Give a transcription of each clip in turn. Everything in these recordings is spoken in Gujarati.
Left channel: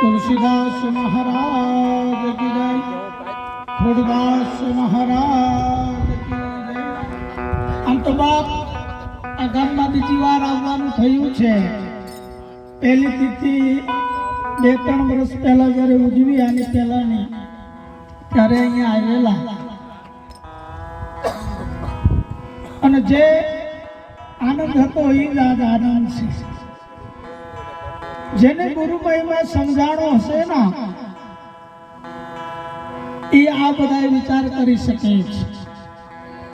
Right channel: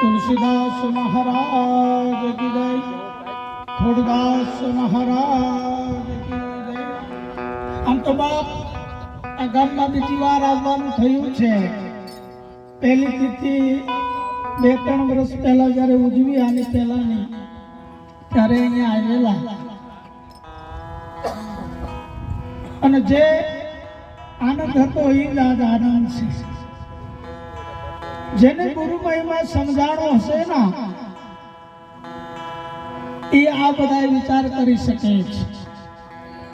तुलसीदास महाराज की जय, खोड़दास महाराज की जय। આમ તો બાપ આ ગામમાં બીજી વાર આવવાનું થયું છે। પહેલી તિથિ 2-3 વર્ષ પહેલા જ્યારે ઉજવી આની પહેલાની ત્યારે અહીંયા આવેલા અને જે આનંદ હતો એ જ આજ આનંદ છે। જેને ગુરુ મહિમા સમજાણો હશે ને એ આ બધા વિચાર કરી શકે છે,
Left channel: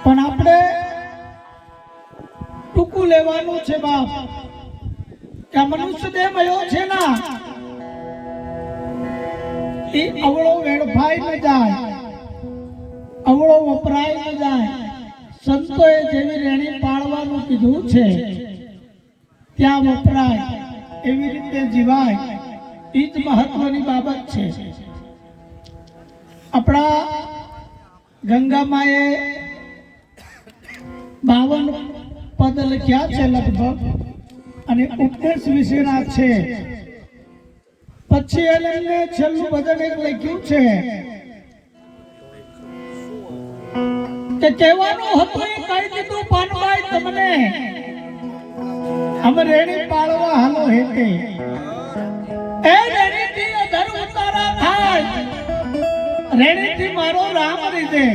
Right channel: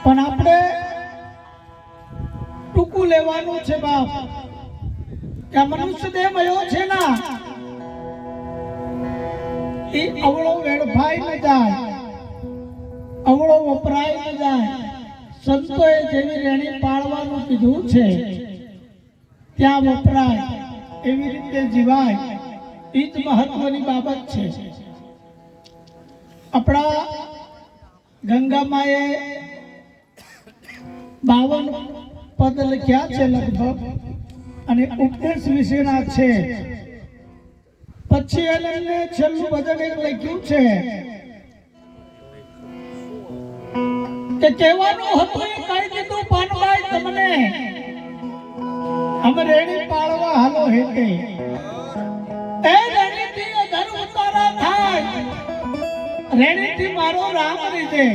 પણ આપણે ટૂંકું લેવાનું છે બાપ। કે મનુષ્ય દેહ મળ્યો છે ને એ અવળો વેડફાઈ ન જાય, અવળો વપરાય ન જાય। સંતોએ જેવી રેણી પાળવાનું કીધું છે ત્યાં વપરાય એવી રીતે જીવાય, એ જ મહત્વની બાબત છે। આપણા ગંગામાએ 52 પદ લખ્યા છે લગભગ, અને ઉપદેશ વિશેના છે। પછી એમને છેલ્લું ભજન એક લખ્યું છે કે કહેવાનું હતું એ કહી દીધું પાનભાઈ તમને, અમે રેણી પાળવા હાલો હેતે। એ રેણીથી અધર ઉતારા થાય, રેણીથી મારો રામ રીધે।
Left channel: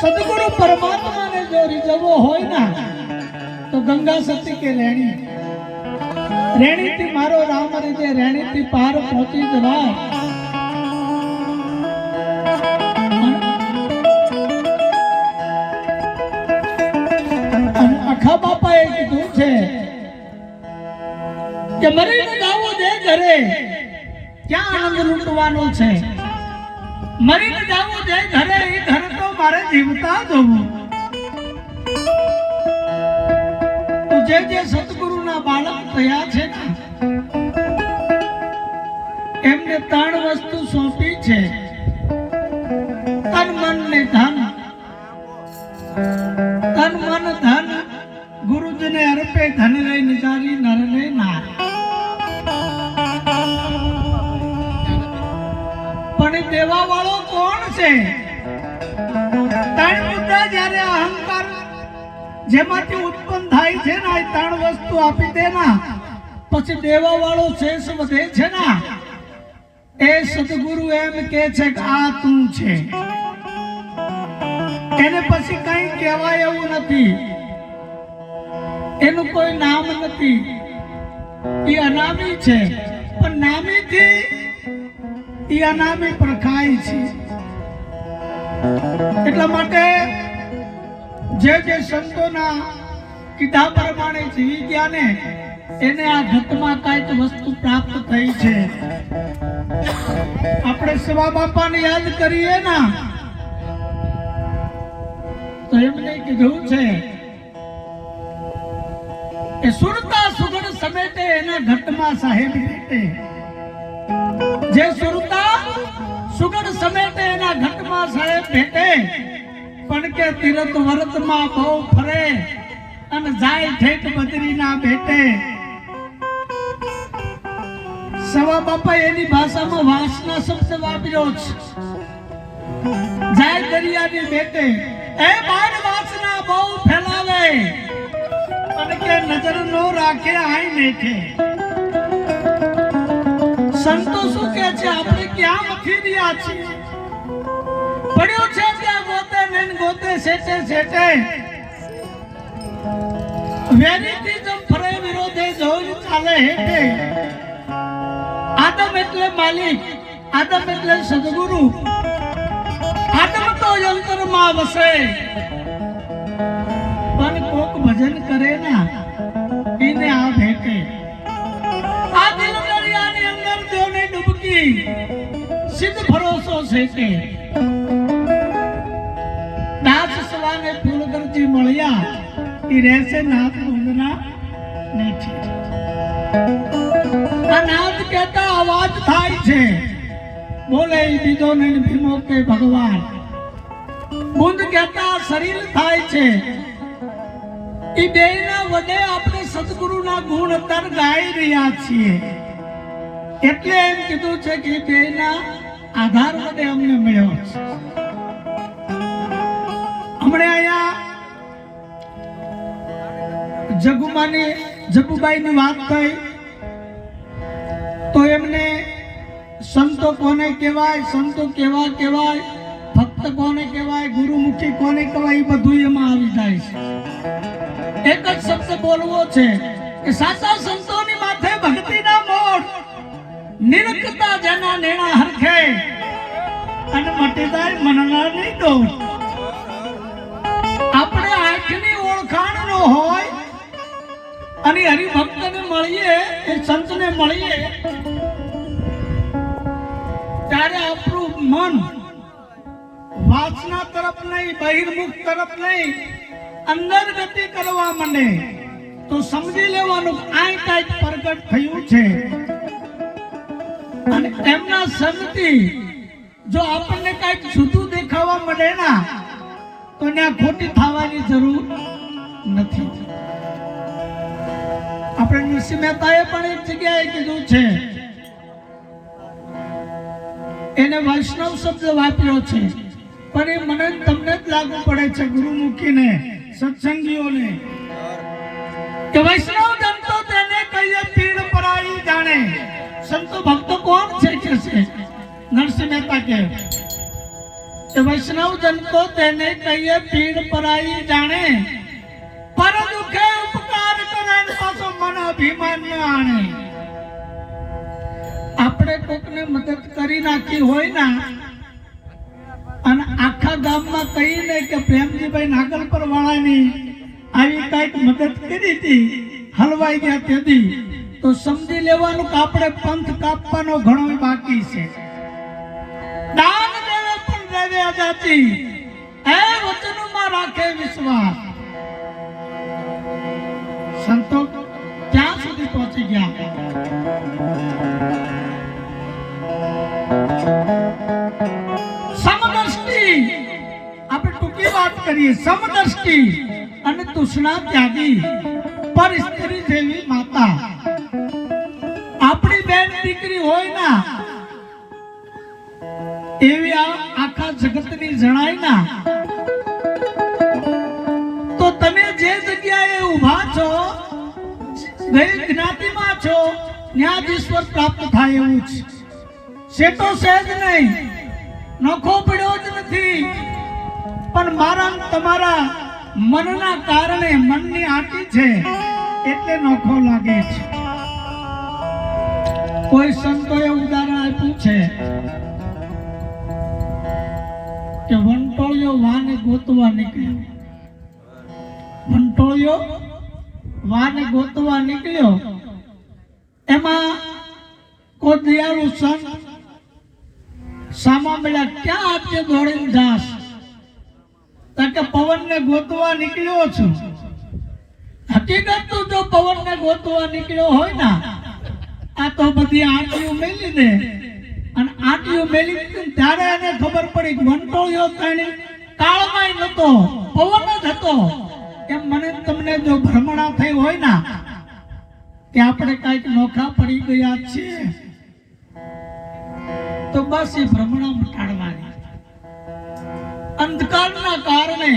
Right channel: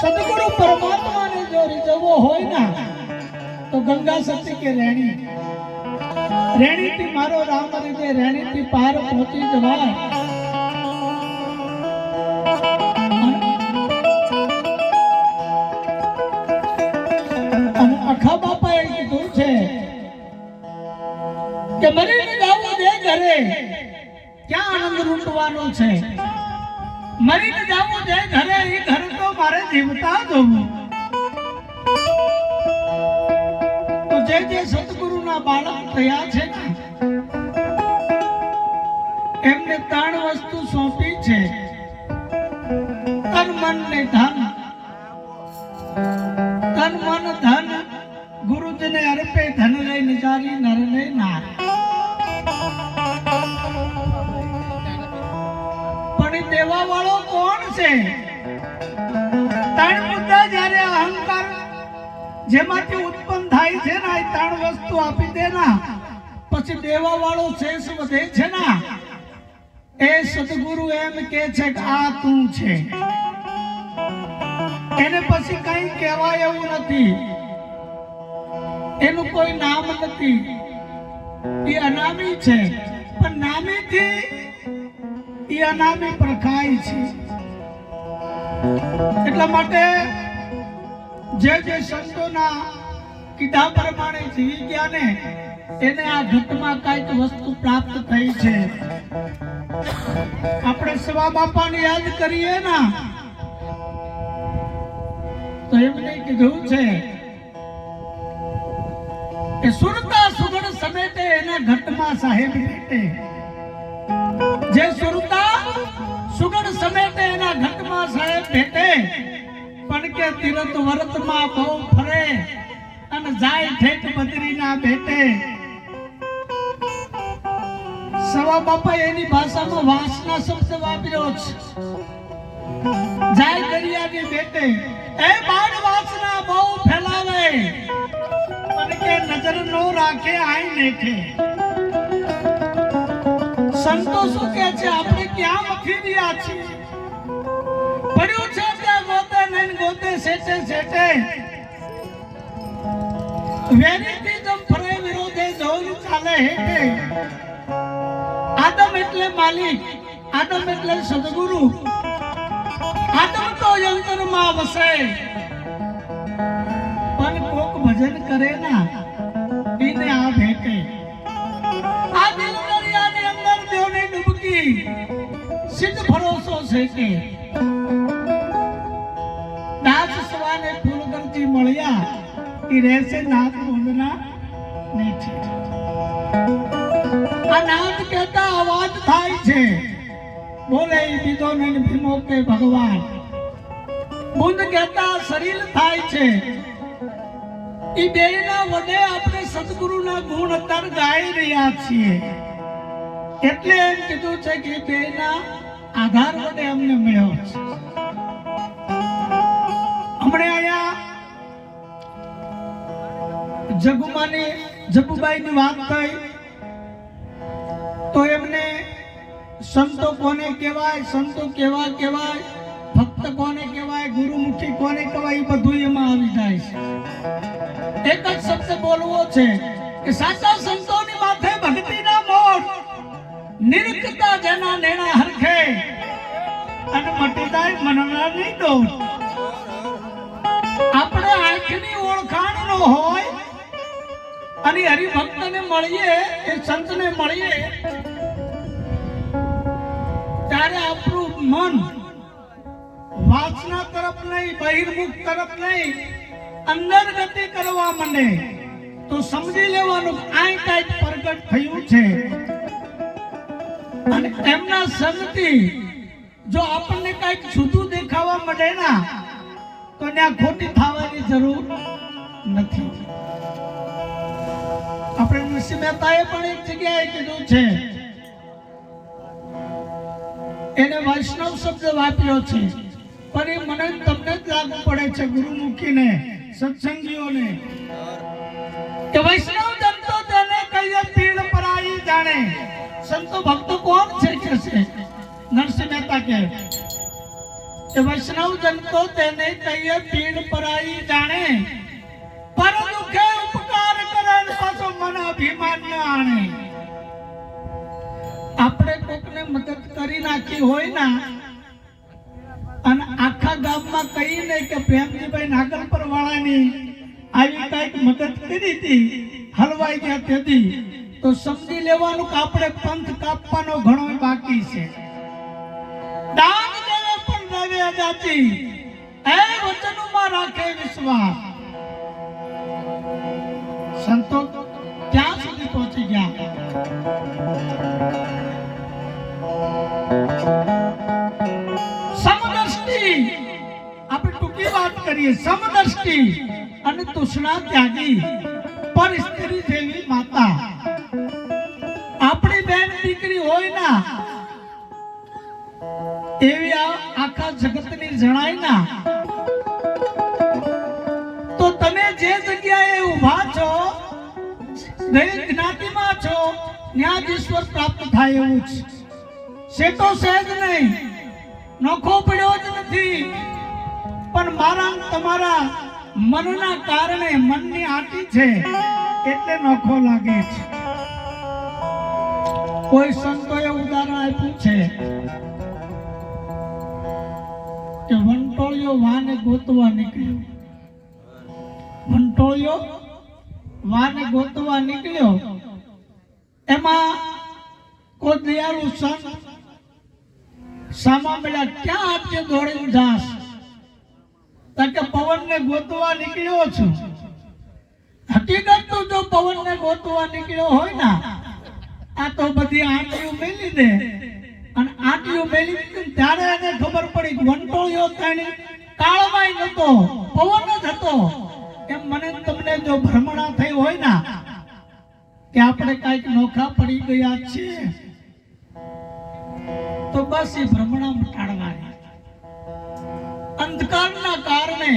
સદગુરુ પરમાત્માને જો રીઝવવો હોય ના તો ગંગા સતી કે રેણી, રેણીથી મારો રામ રીધે, રેણીથી પાર પહોંચી જવાય। અને અખા બાપાએ કીધું છે કે મરીને જાવું દે ઘરે, ક્યાં આનંદ લૂંટવાનો છે। મરીને જાવું દે ઘરે, એ ઘરે તો મારે જીવતા જવું। તો જે સતગુરુના બાળક થયા છે ને એમને 3 વસ્તુ સોંપી છે, તન મન ને ધન। તન મન ધન ગુરુજીને અર્પે, ધન લઈ નિજારી નર ને નાર। પણ દેવા વાળો કોણ છે? 3 મુદ્દા જ્યારે અહંકાર જેમાંથી ઉત્પન્ન થાય છે ને, 3 વસ્તુ આપી દે ના પછી દેવા વાળો શેષ વધે છે ને, એ સદગુરુ એમ કે છે કે આ તું છે। એને પછી કઈ કહેવાય એવું નથી, એનું કોઈ નામ નથી, એ અનામી છે। પણ નામીથી એ અનામી પ્રખાય છે। એટલા માટે જે સંતોના કીધા પ્રમાણે જીવી ગયા ને એને આ ઘટમાં કઈક વસ્તુ પ્રાપ્ત થઈ છે। આપણે સવા બાપાને યાદ કરીએ ના તો એમને કીધું છે કે સુરતા સુગણ સમેટે એના ઘટમાં સાહેબ બેઠે। જે સુરતા સુગણ સમેટે એના ઘટમાં સાહેબ બેઠે, પણ કે તીરથ વરતમાં બહુ ફરે અને જાય ઠેઠ બદરીના બેઠે। સવા બાપા એની ભાષામાં વાસના શબ્દ વાપર્યો છે, જાય દરિયાની બેટે। એ બાર વાસના બહુ ફેલાવે પણ કે નજર નો રાખે આઈ દેખે। સંતો શું કે છે આપણે ક્યાં મથી રહ્યા છીએ? પડ્યું છે ત્યાં ગોતે ને ગોતે સેટે સેટે, વેરીથી જમ ફરે વિરોધે જોઈ ચાલે હેઠે। આદમ એટલે માલિક, આદમ એટલે સદગુરુ, આદમ તો યંત્રમાં વસે। પણ કોક ભજન કરે ના એને આ ભેટે। આ દિલ દરિયાની અંદર દેવની ડૂબકી સિદ્ધ ભરોસો સેટે। દાસ સવાને ફૂલગરજી મળ્યા, એ રહેશે નાથ બોંદના નીચે। આ નાથ કહેતા અવાજ થાય છે, બોલે બીજો ને ભીમો કે ભગવાન। બુંદ કહેતા શરીર થાય છે, એ બેયના વડે આપણે સદગુરુના ગુણ અત્યારે ગાઈ રહ્યા છીએ। એટલે એમ કીધું છે કે બેના આધાર વડે અમને મળ્યો છે. હમણે અહીંયા જગુબાઈની વાત થઈ તો એમને સંતો કોને કહેવાય, સંતો કેવા કહેવાય, ભક્ત કોને કહેવાય, ગુરુમુખી કોને કહેવાય, એ બધું એમાં આવી જાય છે. એક જ શબ્દ બોલવો છે કે સાચા સંતોની માથે ભક્તિના મોર, નિરખતા જેના નેણા હરખે અને મટી જાય મનનાની ડોર. આપણે આંખની ઓળખાણ નો હોય અને હરિભક્તને મળીએ, એ સંતને મળીએ, ત્યારે આપણું મન વાસના તરફ નહીં, બહિર્મુખ તરફ નહીં, અંદર ગતિ કરવા માંડે તો સમજી લેવાનું આ કંઈક પ્રગટ થયું છે. અને એમના સંગથી જો આપણને કંઈક જુદું દેખાવા મળે ના તો ત્યાં ખોટી થવાની જરૂર નથી. આપણે નરસિંહ મહેતાએ પણ એક જગ્યાએ કીધું છે, એને વૈષ્ણવ શબ્દ વાપર્યો છે, પણ એ મને તમને જ લાગુ પડે છે, ગુરુમુખીને, સત્સંગીઓને, કે વૈષ્ણવ જનતો તેને કહીએ પીડ પરાઈ જાણે. સંતો ભક્તો કોણ છે કે છે? નરસિંહ મહેતા કે વૈષ્ણવ જનતો તેને કહીએ પીડ પરાઈ જાણે, પર દુખે ઉપકાર કરે પાછો મન અભિમાન ન આણે. આપણે કોકને મદદ કરી નાખી હોય ના અને આખા ગામમાં કહીને કે પ્રેમજીભાઈ નાગલપર વાળાની આવી કઈક મદદ કરી હતી, હલવાઈ ગયા તેથી, તો સમજી લેવાનું કે આપણે પંથ કાપવાનો ઘણો બાકી છે. દાન દેવે પણ દેવે અદાચી, એ વચનમાં રાખે વિશ્વાસ. સંતો ક્યાં સુધી પહોંચી ગયા? સમદૃષ્ટિ, આપણે ટૂંકી વાત કરીએ, સમદૃષ્ટિ અને તૃષ્ણા ત્યાગી, પર સ્ત્રી જેવી માતા. આપણી બેન દીકરી હોય ના એવી આખા જગતની જણાય ના, તો તમે જે જગ્યાએ ઊભા છો, ગઈ જ્ઞાતિમાં છો, ત્યાં જ ઈશ્વર પ્રાપ્ત થાય એવું છે. સેતો સહેજ નહીં, નોખો પડ્યો જ નથી, પણ મારા તમારા મનના કારણે, મનની આંટી છે એટલે નોખો લાગે છે. કોઈ સંતોએ ઉદાહરણ આપ્યું છે કે વંટોળિયો વાને ગોતવા નીકળ્યો. વંટોળિયો વાને ગોતવા નીકળ્યો, એમાં કોઈ દયાળુ સંત સામા મળ્યા. ક્યાં આજે દોડીને જાસ? કે પવનને ગોતવા નીકળ્યો છું. હકીકત તો જો પવનને ગોતવા નીકળ્યો હોય ને, આ તો બધી આંટીઓ મેલી દે, અને આંટીઓ મેલી દીધી ત્યારે એને ખબર પડી કે વંટોળિયો તાણી કાળમાં નતો, પવન જ હતો. એમ મને તમને જો ભ્રમણા થઈ હોય ને કે આપણે કઈક નોખા પડી ગયા છીએ, તો બસ એ ભ્રમણા મટાડવાની. અંધકારના કારણે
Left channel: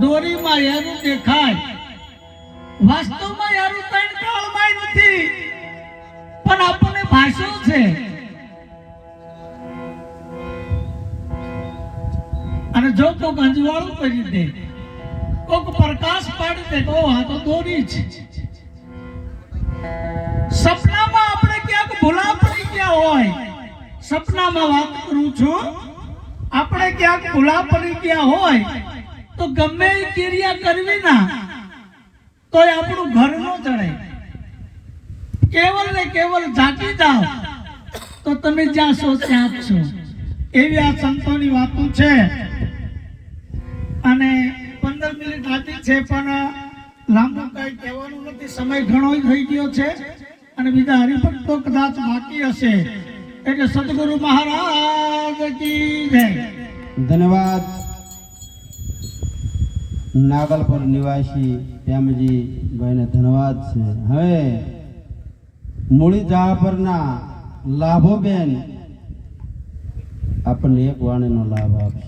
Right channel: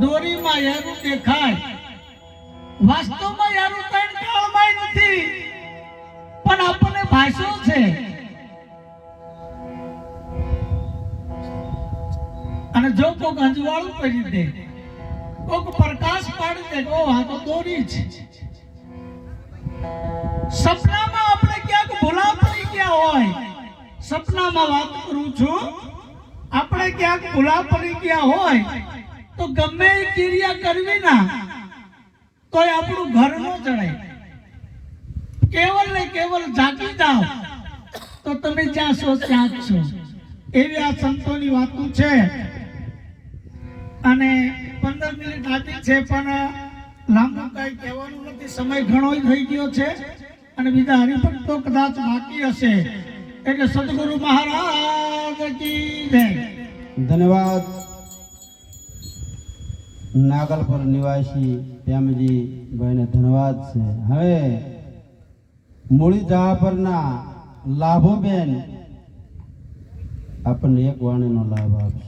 દોરીમાં યારું દેખાય, વાસ્તવમાં યારું તાણ કાળમાં નથી, પણ આપણને ભાષો છે. અને જો કોક અંજવાળું કરી દે, કોક પ્રકાશ પાડી દે, ઓ આ તો દોરી છે. સપનામાં આપણે ક્યાંક ભૂલા પડી ગયા હોય, સપનામાં વાત કરું છું, આપણે ક્યાંક ભૂલા પડી ગયા હોય તો ગમે એ ક્રિયા કરવી ના તો આપણું ઘર ન ચડે. કેવલ ને કેવલ જાગી જાઓ તો તમે જ્યાં છો ત્યાં જ છો. એવી આ સંતોની વાતો છે. અને 15 મિનિટ આટલી છે, પણ લાંબુ કઈ કહેવાનું નથી, સમય ઘણો થઈ ગયો છે અને બીજા હરિભક્તો કદાચ બાકી હશે. એટલે સદગુરુ મહારાજ કી જય. ધન્યવાદ. નાગલપર નિવાસી પ્રેમજી ભાઈને ધન્યવાદ છે. હવે મૂળી જહાપરના લાભોબેન આપણને એક વાણીનો લાભ આપશે.